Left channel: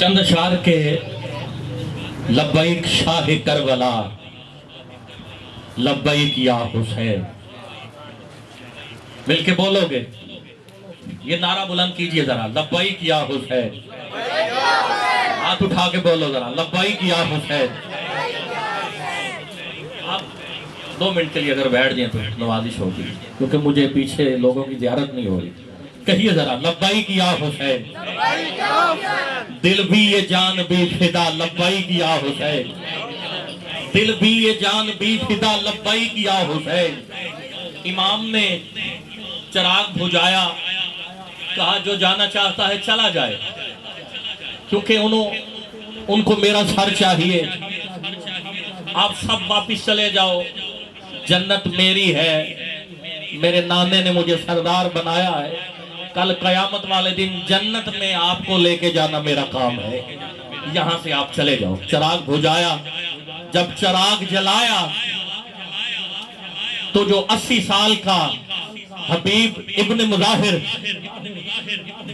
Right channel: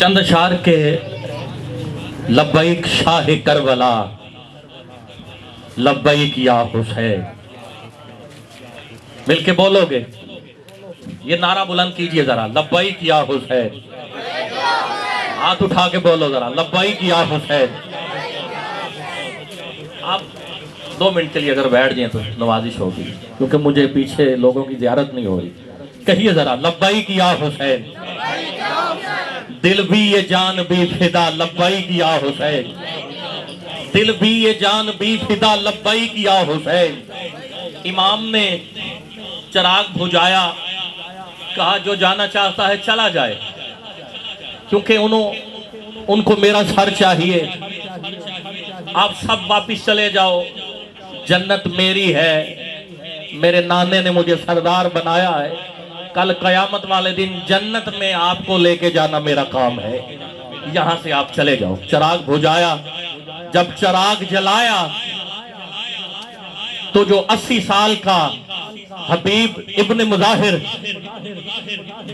چند اشعار کے لبیک شاہ کربلا، لبیک یا حسین، مل کے بولو گے؟ یہ نعرہ بلند کیجئے ذرا، لبیک یا حسین، ہاتھ اٹھا کے بولو ذرا، لبیک یا حسین۔ آپ 2 منٹ کے لیے اگر بیٹھ جائیں تو نوازش ہوگی، کیونکہ مجھے پیچھے لوگوں کی زیارت نہیں ہو رہی۔ کہیے ذرا، لبیک یا حسین، دل بھی یہ جان بھی فدا، لبیک یا حسین، دل بھی یہ جان بھی فدا، لبیک یا حسین۔ امام نے چراغ بجھایا، کہا جو جانا چاہتا ہے چلا جائے، کیونکہ ان کو میرا سر چاہیے، آپ سب واپس چلے جاؤ، جنت میری ہے، میرے نانے نے مجھے سردار بنایا ہے، کل قیامت والے دن جنت میں آپ کو لے کے جانا میرا کام ہے، یہاں سے آپ چلے جاؤ۔ چراغ بجھایا، جب چراغ جلایا تو جو 80 سال کا حبیب ابن مظاہر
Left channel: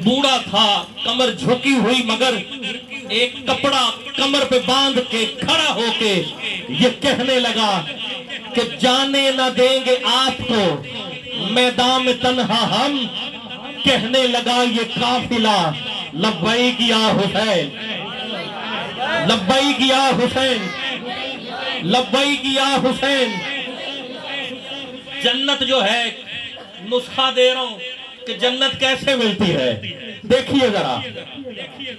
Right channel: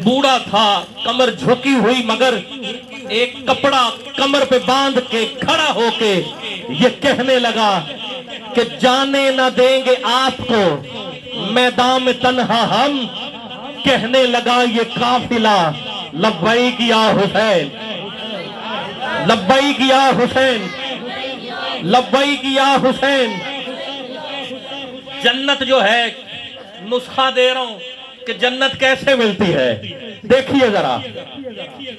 بوڑھا تھا، کمر جھکی ہوئی، مگر ایک کپڑا کمر پہ باندھ کے کھڑا ہو کے یہ کہنے لگا کہ جانے نہ دیں گے آپ کو میدان میں تنہا ہم، کہنے لگا یہ قافلہ لبیک یا حسین، لبیک یا حسین، لبیک یا حسین۔ جنت جو ہے، نسخہ دے رہا ہوں کہ جنت کیسے ملتی ہے، دیکھیے ذرا۔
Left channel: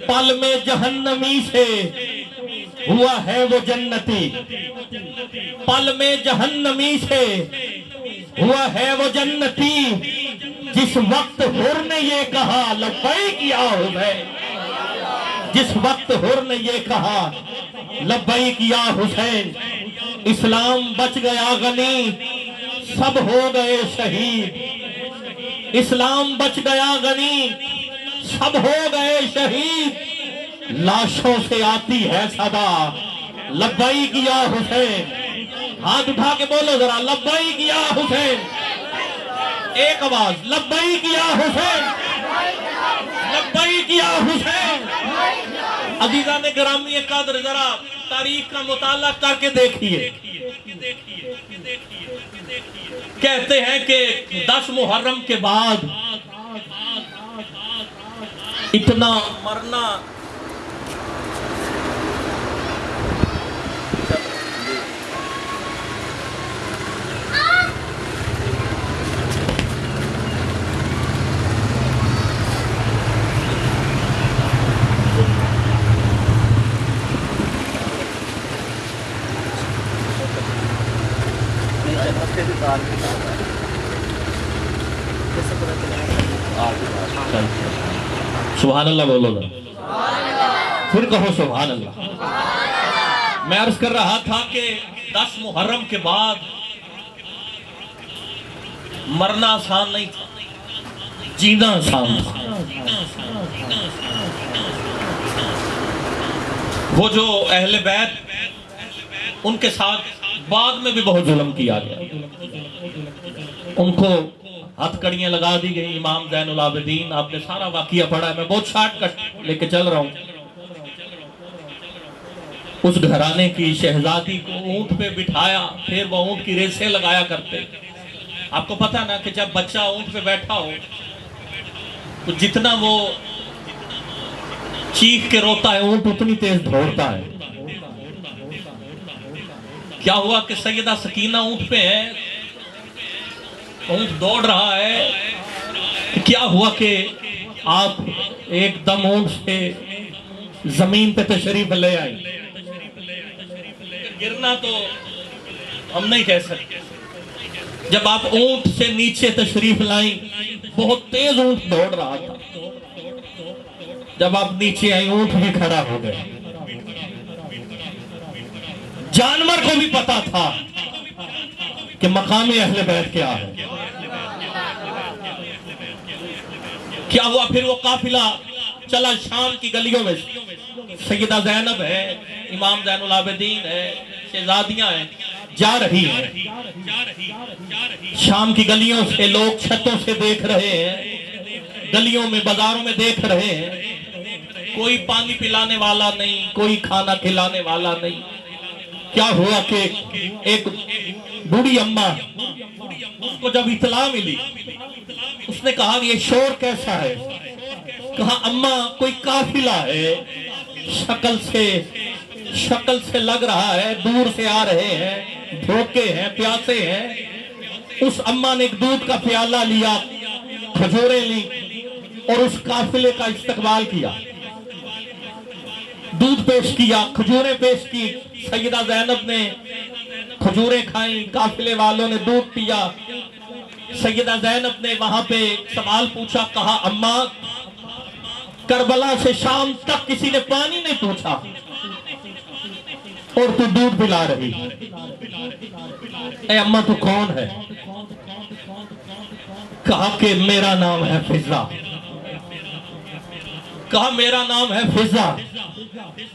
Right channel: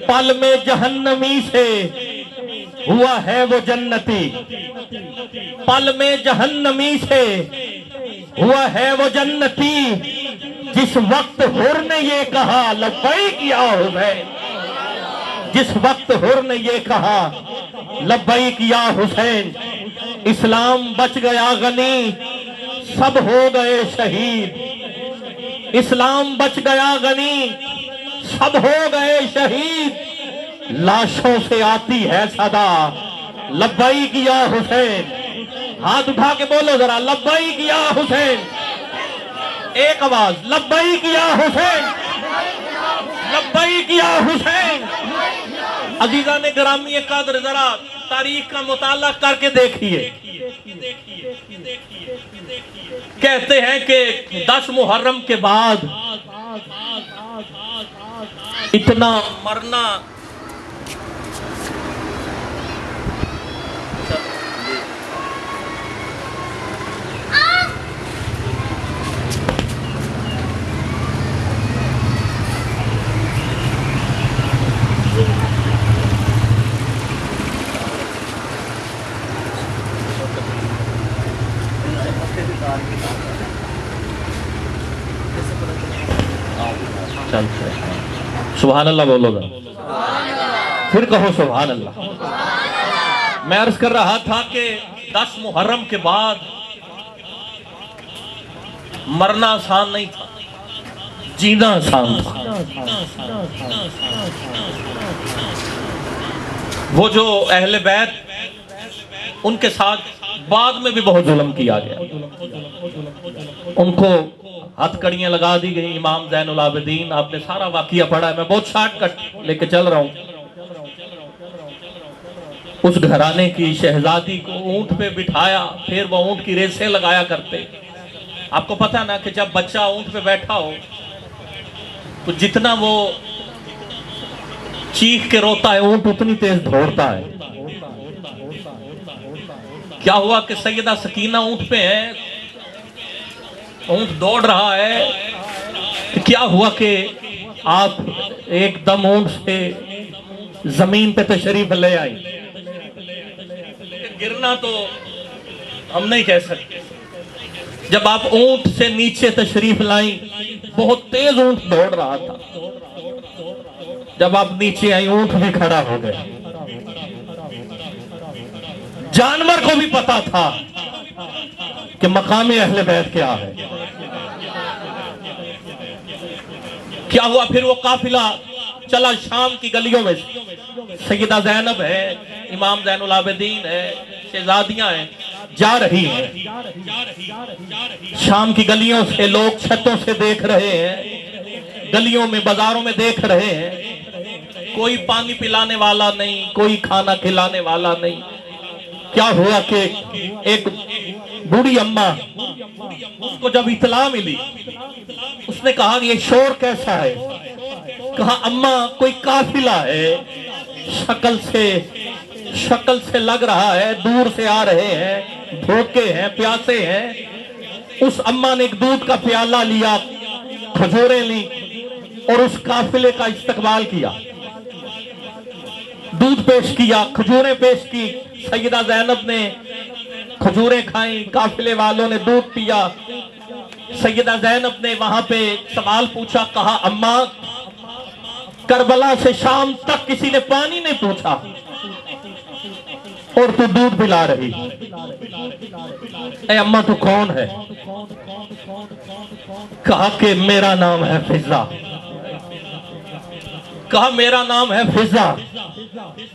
پل میں جہنمی سے ہوا ہے وہ جنتی، پل میں جہنمی سے ہوا ہے وہ جنتی، جس وقت حر نے یہ کہا لبیک یا حسین، جس وقت حر نے یہ کہا لبیک یا حسین۔ اسلام بچ گیا غنی، سب ہو گئے شہید، اسلام بچ گیا غنی، سب ہو گئے شہید، لاشوں سے آتی ہے صدا لبیک یا حسین۔ ہاتھ اٹھا کے بولو ذرا، لبیک یا حسین، ایک آواز، لبیک یا حسین، لبیک یا حسین۔ عزیزان گرامی قدر، ذرا تاریخ کا مطالعہ کر کے دیکھیے۔ کہتے ہیں کہ 10 محرم کے بعد اتنا مرنا، سبحان اللہ بولو ذرا، پھر کہو سبحان اللہ۔ میں عرض کر رہا تھا کہ 10 محرم کے بعد مرنا آسان نہیں تھا، جینا آسان تھا۔ وہ جو اہل بیت، ان کے ساتھ بعد میں بھی بہت ظلم کیا گیا، ان کو ہتھ کڑیاں لگا دی گئی۔ امام زین العابدین، آپ نے سارا واقعہ پڑھا ہے، میں بہت شارٹ کٹ لے کے چل رہا ہوں۔ اس گھرانے کی شہزادی کو اونٹ پہ بٹھایا، پھر وہ اونٹ کی ریسیں لگایا کرتے۔ آپ کو پتہ نا کہ جب بچہ اونٹ پہ بیٹھا ہو تو جتنا وہ چیخ کے روتا ہے، اونٹ اتنی تیز دوڑتا ہے۔ کیا ہوا کہ سیدہ سکینہ اونٹ پہ ہے، اونٹ دوڑ رہا ہے، کیا ہوا کہ آپ ایک دم اونٹ سے زمین پہ تشریف لے آئی۔ گرنا تو ہم نہیں کہہ سکتے، جب آپ اونٹ سے نیچے تشریف لائیں، بہت تیز اونٹ دوڑ رہا تھا، جب آپ نیچے آئی اونٹ بھی کھڑا ہو گیا۔ جانور کو بھی پتا تھا کہ مقام اہل بیت کیا ہے۔ کیا ہوا پھر؟ وہ قافلہ چلا شام کی گلیوں میں سے، سیدہ زینب ہے، امام زین العابدین ہے، شہزادیاں ہیں، جا رہی ہیں۔ شام کی گلیوں سے لوگ چھتوں سے دیکھ رہے ہیں، گلیوں میں بازاروں میں دیکھ رہے ہیں، کوئی پانی پلانے والا نہیں، کوئی کھانا کھلانے والا نہیں۔ کیا ہوا کہ ایک بوڑھی اماں، اس کو جب اطلاع ملی، اس نے کہا یہ شور کیسا ہے؟ کہا اماں کوئی قافلہ ہے، شکل سے لگ رہا ہے، دور سے آ رہے ہیں، بھوکے ہیں، پیاسے ہیں۔ اس اماں نے ایک دودھ کا پیالہ لیا، کھجوریں لی اور اس قافلے کا استقبال کیا، دودھ پیش کیا، کھجوریں پیش کی۔ سیدہ زینب نے کھجوریں کھائیں، قافلے والوں نے دودھ پیا۔ سیدہ زینب نے وہاں پہ سوال پوچھا، کہا اماں کربلا سے شام تک کسی نے پانی نہیں پوچھا اور تو دودھ پلا رہی، اے اماں تو کون ہے؟ کہا کہ میرا نام ہے فضہ۔ کہا میرا نام ہے فضہ،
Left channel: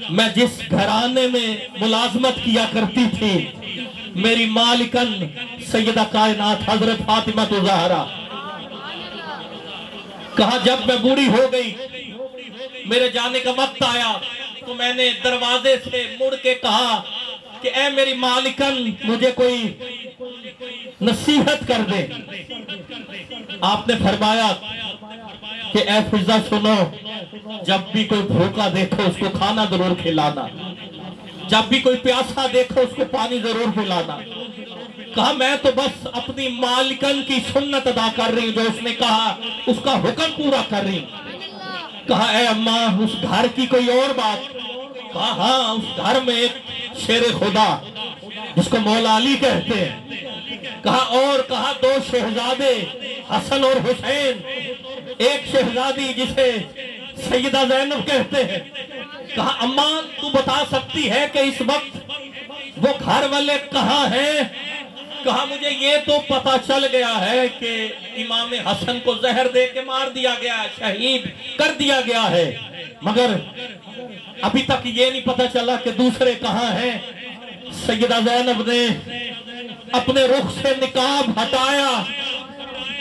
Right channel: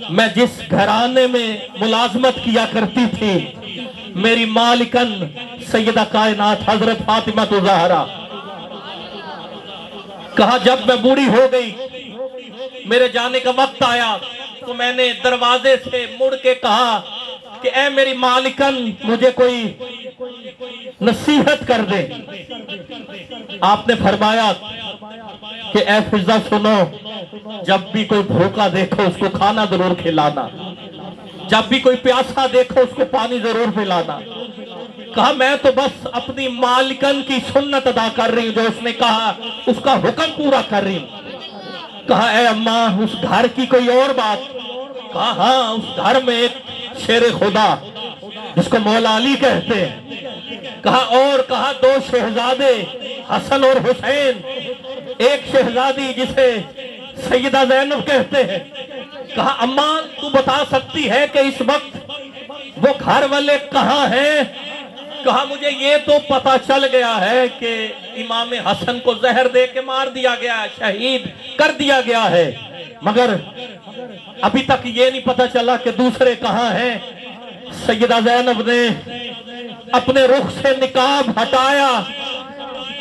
میں جس گھرانے میں ملازمت کیا کرتی تھی، میری مالکن سیدہ کائنات حضرت فاطمہ الزہرا۔ کہا جب میں بوڑھی ہو گئی، میرے جانے کا وقت آیا، تو میں نے دروازے سے مڑ کے کہا کہ اے میری مالکن مجھے کوئی نصیحت کر دے۔ آپ نے فرمایا کہ اے فضہ سنو، جب بھی کوئی بھوکا دیکھو اس کو کھانا ضرور کھلانا، جب بھی کوئی پیاسا دیکھو اس کو پانی ضرور پلانا۔ کہا میں تو بس اپنی مالکن کی سنت ادا کر رہی ہوں، جو اس نے کہا اس کا حکم پورا کر رہی ہوں۔ کہا اے اماں اس گھر کی کوئی اور بات؟ کہا ہاں، اس گھر میں ایک شیر خدا جس کو مولا علی کہتے ہیں۔ کہا اور؟ کہا دو شہزادے حسن اور حسین، ایک شہزادی جسے سیدہ زینب کہتے ہیں۔ کہا اماں تو بتا سکتی ہے کہ اس وقت وہ گھر والے کہاں ہیں؟ کہا مجھے یہ تو پتا چل گیا ہے کہ امام حسن کو زہر دے کے مار دیا گیا ہے، شہید کر دیا گیا ہے، مگر ابھی تک یہ نہیں پتا چلا کہ دوسرے کہاں ہیں۔ سیدہ زینب نے اپنے رخ سے نقاب ہٹایا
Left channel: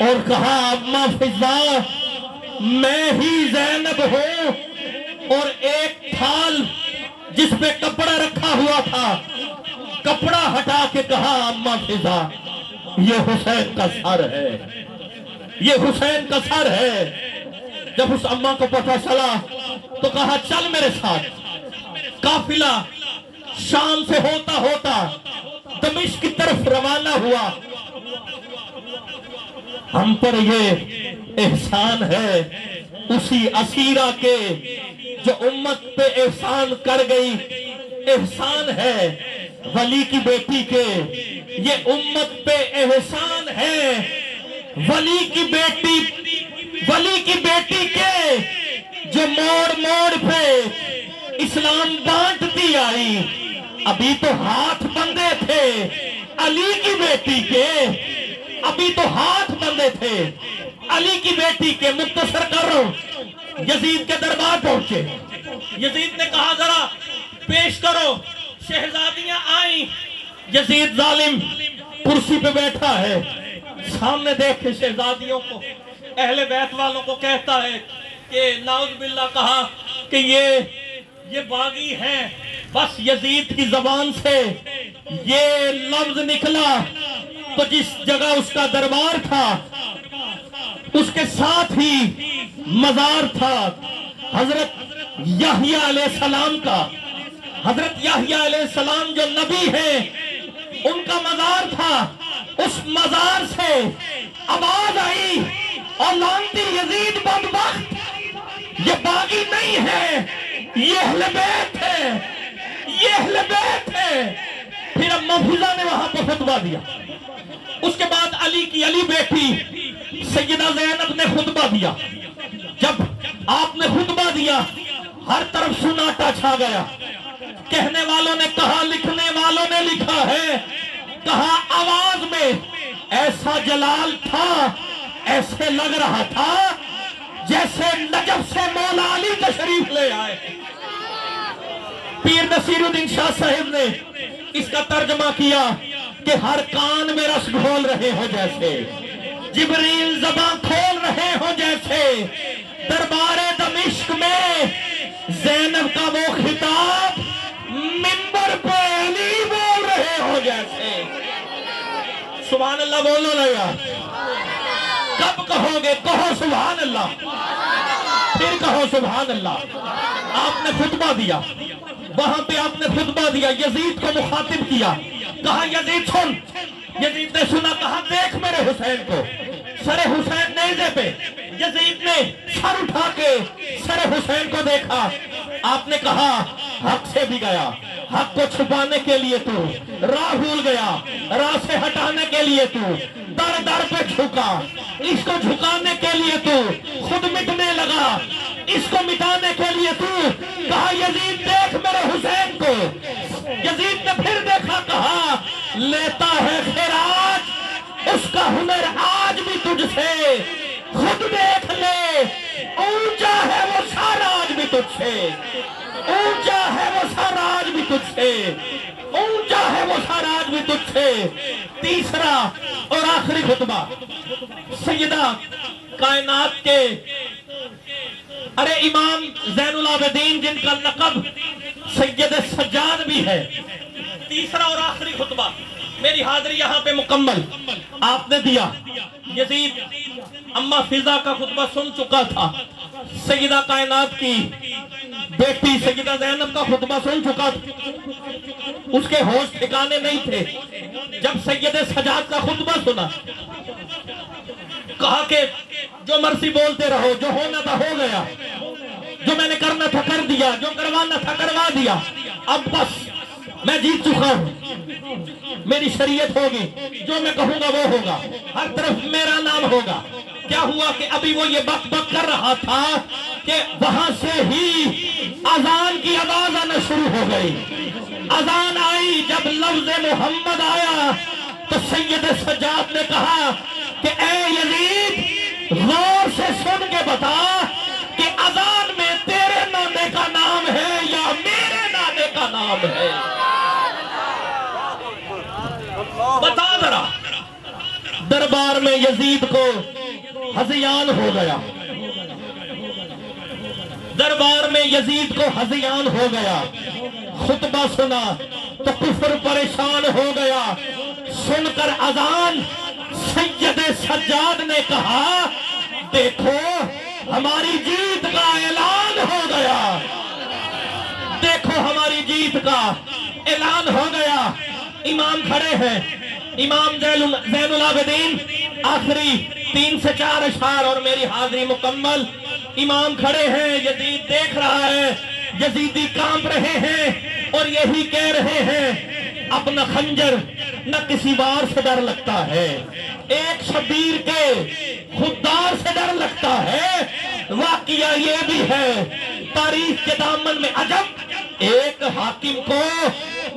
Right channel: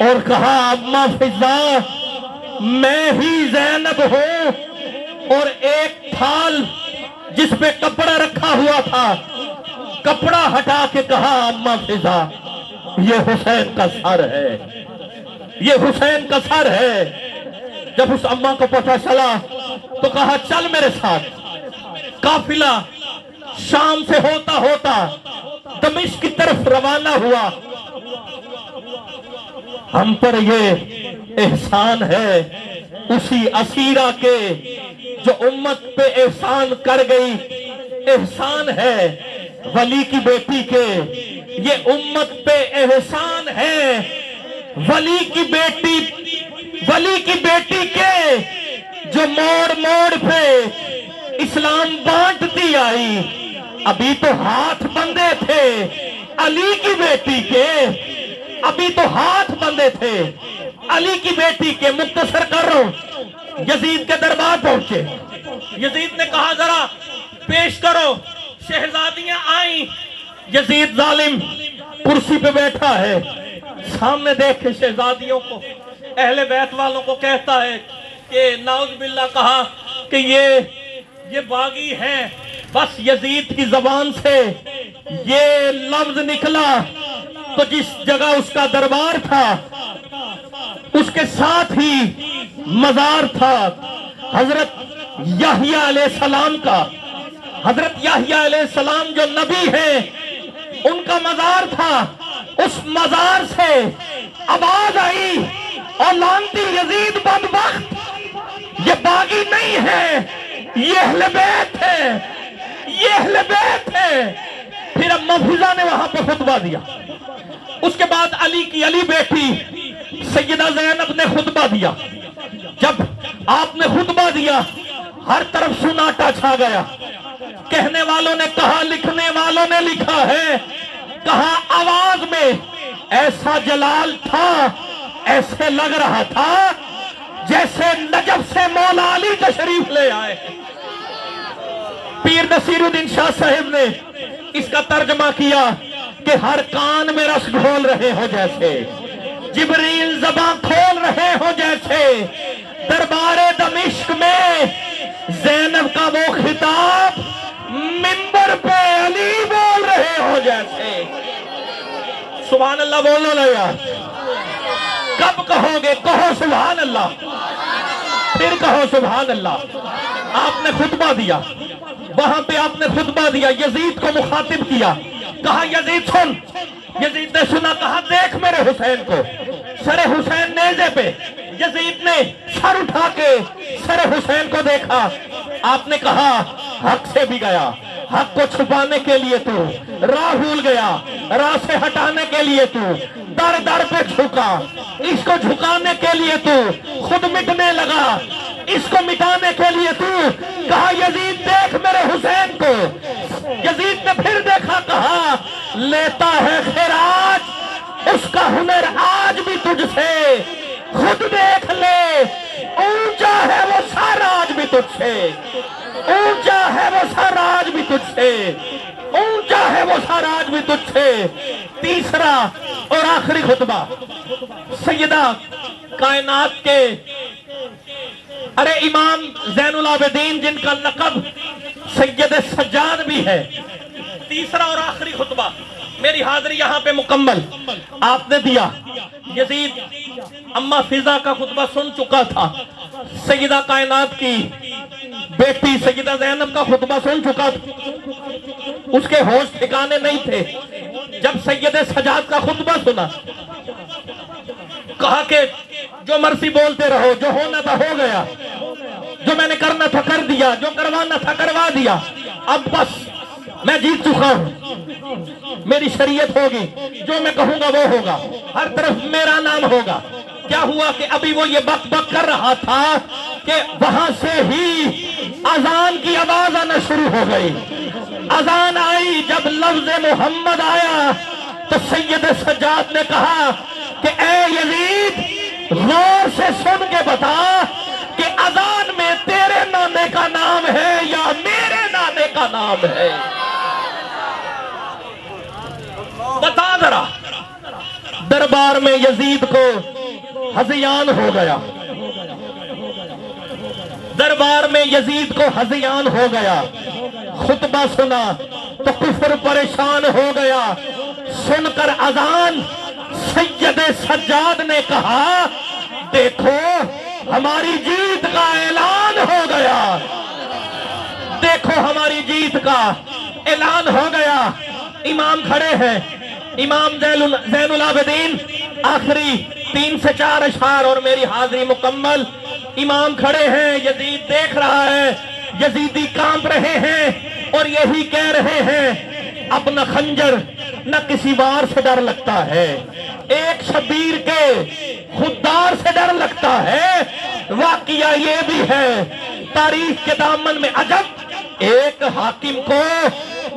اور کہا اماں فضہ میں ہی زینب ہوں، اور ایک تھال جس پہ کپڑا رکھا ہوا تھا، کپڑا ہٹا کے کہا اماں فضہ یہ حسین کا سر ہے، یہ حسین کا سر ہے۔ جب اس اماں کو پتہ چلا تو کہا چل میرے ساتھ۔ قافلہ شام سے ہوتا ہوتا دمشق کی طرف روانہ ہوا۔ ہم پر یہ احسان ہے اسی اسیرہ کے جو امت پہ احسان کر گئی، احسان ہے ولی کی بیٹی کے، یہ امت پہ احسان ہے ولی کی بیٹی کے، جو موڑ موڑ پہ اسلام بانٹتی آئی۔ ابھی تو ہاتھ بندے تھے علی کی بیٹی کے، ابھی تو ہاتھ بندے تھے علی کی بیٹی کے۔ مختصر کر رہا ہوں، یزید کے دربار پہنچے، یزید نے کہا ذرا پیش کرو، شہزادیاں آئیں۔ یزید ظالم کرسی پہ بیٹھا ہے، سامنے دیکھ کے شہزادیوں کو، اہل بیت والوں کو کہتا ہے کہ نعوذ باللہ، کہا کہ یہ باغی ہیں۔ بس یزید کی زبان سے یہ لفظ نکلا تو جس جگہ اس کا دربار تھا اس کے ساتھ ہی مزار تھا حضرت یحییٰ علیہ السلام کا۔ حضرت یحییٰ علیہ السلام جو نبی ہیں ان کا مزار تھا۔ اس مزار سے آواز آئی اور لعنتی یزید بدبخت، یہ باغی نہیں ہے، یہ اہل بیت ہے، یہ اہل بیت ہے۔ پھر اماں فضہ نے وہاں پہ خطبہ دیا۔ اس کے بعد علی کی علی بیٹی سیدہ زینب نے خطبہ دیا۔ جب آپ نے خطبہ دیا ہر طرف سناٹا چھا گیا۔ کہنے والوں نے کہا، لکھنے والوں نے لکھا ہے، کہا آواز میں ایسا جلال تھا، ایسے لگ رہا تھا جیسے نجف سے مولا علی تشریف لے آئے۔ پیر نصیر الدین شاہ صاحب نے اس کا ترجمہ کیا کہ ہر کان میں رس گھول رہے ہو جیسے، جبریل زباں کھول رہے ہو جیسے، دربار دمشق میں زینب کا وہ خطاب منبر پہ علی بول رہے ہو جیسے. سبحان اللہ بولو نا یار. کب کہو گے؟ کہو سبحان اللہ، پھر کہو سبحان اللہ. آپ نے خطبہ دیا، وہاں پہ آپ نے خطبہ دیا، یزید کو مخاطب کیا، کہا یزید سن. یزید نے سنا، کہا دیکھ میرے حسین کو. سر حسین نیزے پہ، یزید نے سر اٹھا کے سر حسین کو دیکھا. آپ نے کہا حق سے بھی گیا، حق کو چھپانے کے لیے تو راہ بھول گیا، راہ سے ہٹانے کے لیے تو در در پہ جھکا، اس کو جھکانے کے لیے تو خود مٹنے لگا، اس کو مٹانے کے لیے تو. کہا یزید دیکھ میرے حسین کو. یزید نے پھر دیکھا، کہا لیتا ہے خراج، اس کا ہنر آج بھی تجھ سے. خود دیکھ لے، اونچا ہے وہ سر آج بھی تجھ سے، اونچا ہے وہ سر آج بھی تجھ سے، اونچا ہے وہ سر آج بھی تجھ سے. تیسرا اور آخری خطبہ سیدہ کائنات کے ارے امام زین العابدین جن کا لقب سید سجاد بھی ہے. تیسرا اور آخری خطبہ، میری حاضری یہاں پہ مکمل آپ نے دیا. یزید اما فضا کا خطبہ سن چکا تھا، سیدہ کائنات کی بیٹی سیدہ زینب کا خطبہ سن چکا تھا. اس کے ہوش ٹھکانے نہیں تھے. جب سید سجاد کا خطبہ سنا، کہا کہ جو مرضی بولتے رہو، جو ہونا تھا ہو گیا، جو میں نے کرنا تھا کر دیا، جو کروانا تھا کروا دیا، اب بس میں جیت چکا ہوں، میری شریعت ہوگی، جو میں کہوں گا وہ ہوگا، ہر طرف میرا نام ہوگا. کیا ہوا کہ ابھی وہ یہ بک بک کر رہا تھا کہ وہاں سے ہی اذان کی آواز آنا شروع ہو گئی. اذان آئی، جب لفظ محمد آیا تو سید سجاد نے کہا کہ اے یزید غور سے سن کے بتا کہ اذان میں تیرے نانے کا نام ہے یا میرے نانے کا نام ہے؟ بتا ذرا. دربار میں یزید کو ہذیان ہو گیا، دربار میں یزید کو ہذیان ہو گیا. خطبہ سنا تو کفر پریشان ہو گیا. سن کر اذان سید سجاد نے کہا دیکھو ہماری جیت کا اعلان ہو گیا، دیکھو ہماری جیت کا اعلان ہو گیا. امام کھڑے ہیں، امام زین العابدین، آخری 3 سے 4 اشعار اور میری حاضری مکمل. امام کھڑے ہیں، یزید دیکھ رہا ہے، یزیدی کانپ رہے ہیں اور یہی کہہ رہے ہیں اپنا خنجر نہ کسی وار سے ڈر لگتا ہے، ایک شبیر کے خوددار سے ڈر لگتا ہے. واقعہ یہ بھی ہے تاریخ کے دامن میں عجب، ایک حاکم کو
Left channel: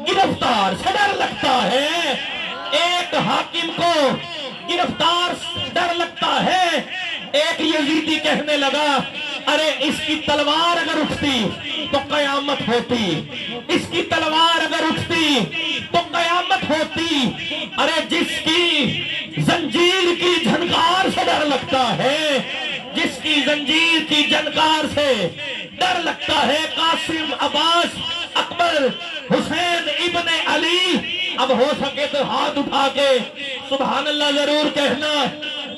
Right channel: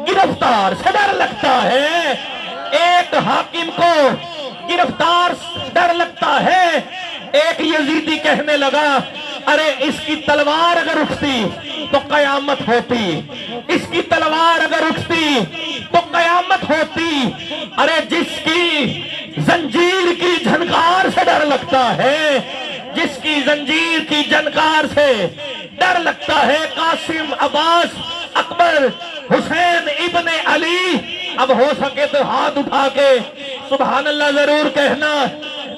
گرفتار سے ڈر لگتا ہے، ایک حاکم کو گرفتار ڈر لگتا ہے. ایک یزیدی کہنے لگا ارے اس کی تلوار اگر اٹھتی تو قیامت ہوتی، اس کی تلوار اگر اٹھتی تو قیامت ہوتی. ارے جس کی زنجیر کی جھنکار سے ڈر لگتا ہے، جس کی زنجیر کی جھنکار سے ڈر لگتا ہے، قاسم، عباس، اکبر، حسین ابن علی. اب ہو سکے تو ہاتھ اٹھا کے سبحان اللہ ضرور کہنا.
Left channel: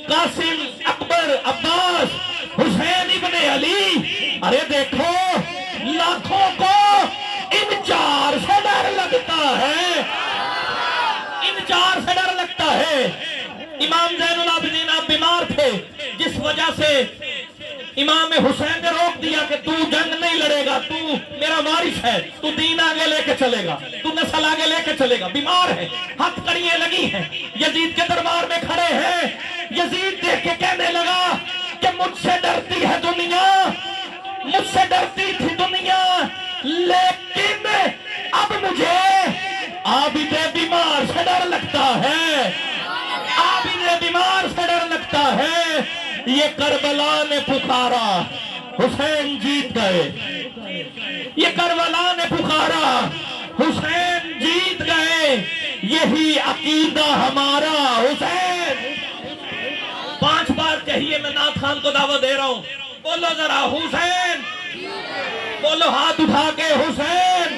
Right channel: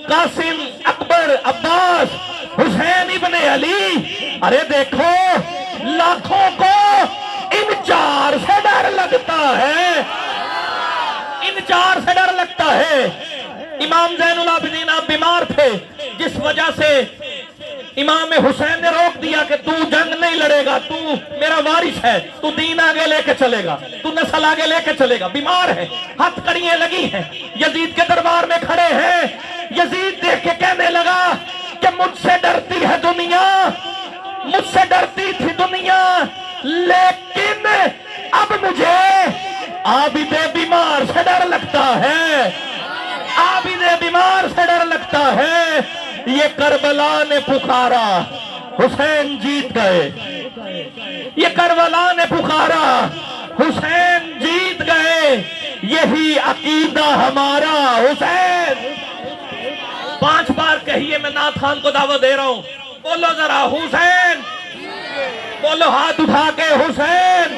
قاسم، اکبر، عباس، حسین ابن علی. ارے دیکھو لاکھوں کو ان 4 سے ڈر لگتا ہے، ان 4 سے ڈر لگتا ہے. امام زین العابدین آپ بیمار تھے، جس وجہ سے امام حسین نے روک دیا کہ تو جنگ نہیں لڑے گا، تو میرا وارث ہے، تو دین آگے لے کے چلے گا، تو نسل آگے لے کے چلے گا. بیمار ہے، ہاتھ کڑیاں لگی ہیں، یزید کے دربار میں کھڑے ہیں. یزید دیکھ کے کہنے لگا کہ مجھ سے ڈرتی ہے دنیا، مجھ سے ڈرتی تھی دنیا، لیکن اب مجھے عابد بیمار سے ڈر لگتا ہے، عابد بیمار سے ڈر لگتا ہے. یہ کربلا نے پکارا، حسین جیت گئے. یہ کربلا نے پکارا، حسین جیت گئے. یہی عقیدہ ہمارا. حسین 5 بار کہیے، میں نعت خان کو دعوت دے رہا ہوں، بولو ذرا حسین، بولو ہاتھ اٹھا کے حسین.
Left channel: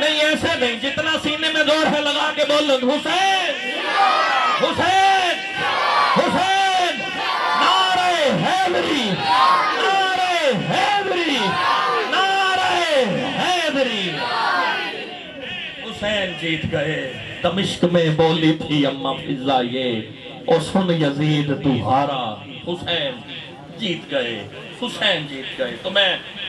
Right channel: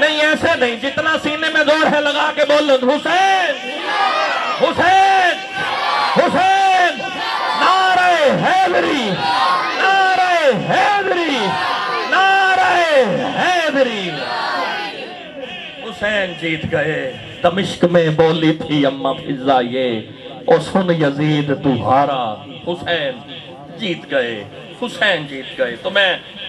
نہیں ایسے نہیں, جتنا سینے میں زور ہے لگا کے بولو حسین حسین حسین. نعرہ حیدری نعرہ حیدری نعرہ حیدری. حسین جیت گئے. دمشق میں بولی تھی اماں فضا یہ, اور سن یزید تو ہارا. حسین جیت گئے, حسین جیت گئے. تو میں